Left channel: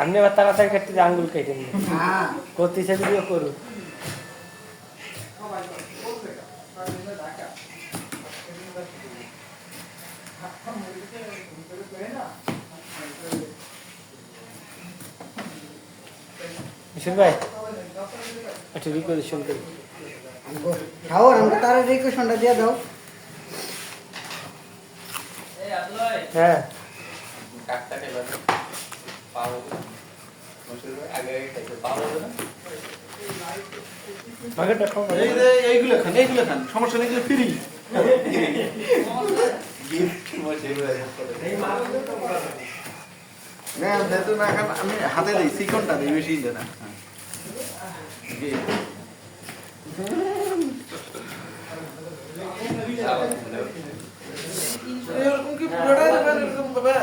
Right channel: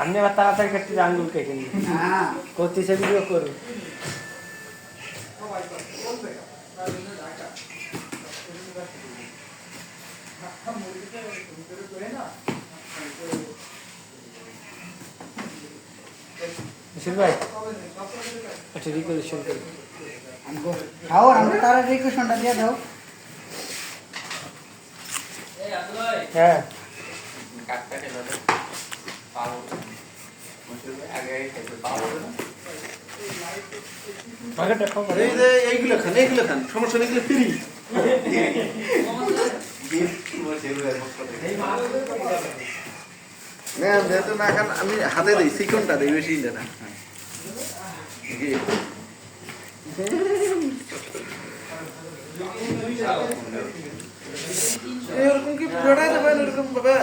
আপনি আবার তাড়াতাড়ি কাটতে আঙ্গুল কেটে নিন করতে সেগুলো করুন ভাই আচ্ছা রিকোয়েশন করি দাও আমরা তার রিকোয়েশনটা দিয়ে দাও হ্যাঁ কাটটা খেলা পাবো আগে পাবো না আগে দেখো এই যে এইগুলো খান সমস্যা নেই, এগুলো ফ্রি। না যেহেতু না খান আমি হাতে দিই, চিকনটা দিই, বেশি না। এরকম কি পুরোটাই দেবেন এরকম ভাবে?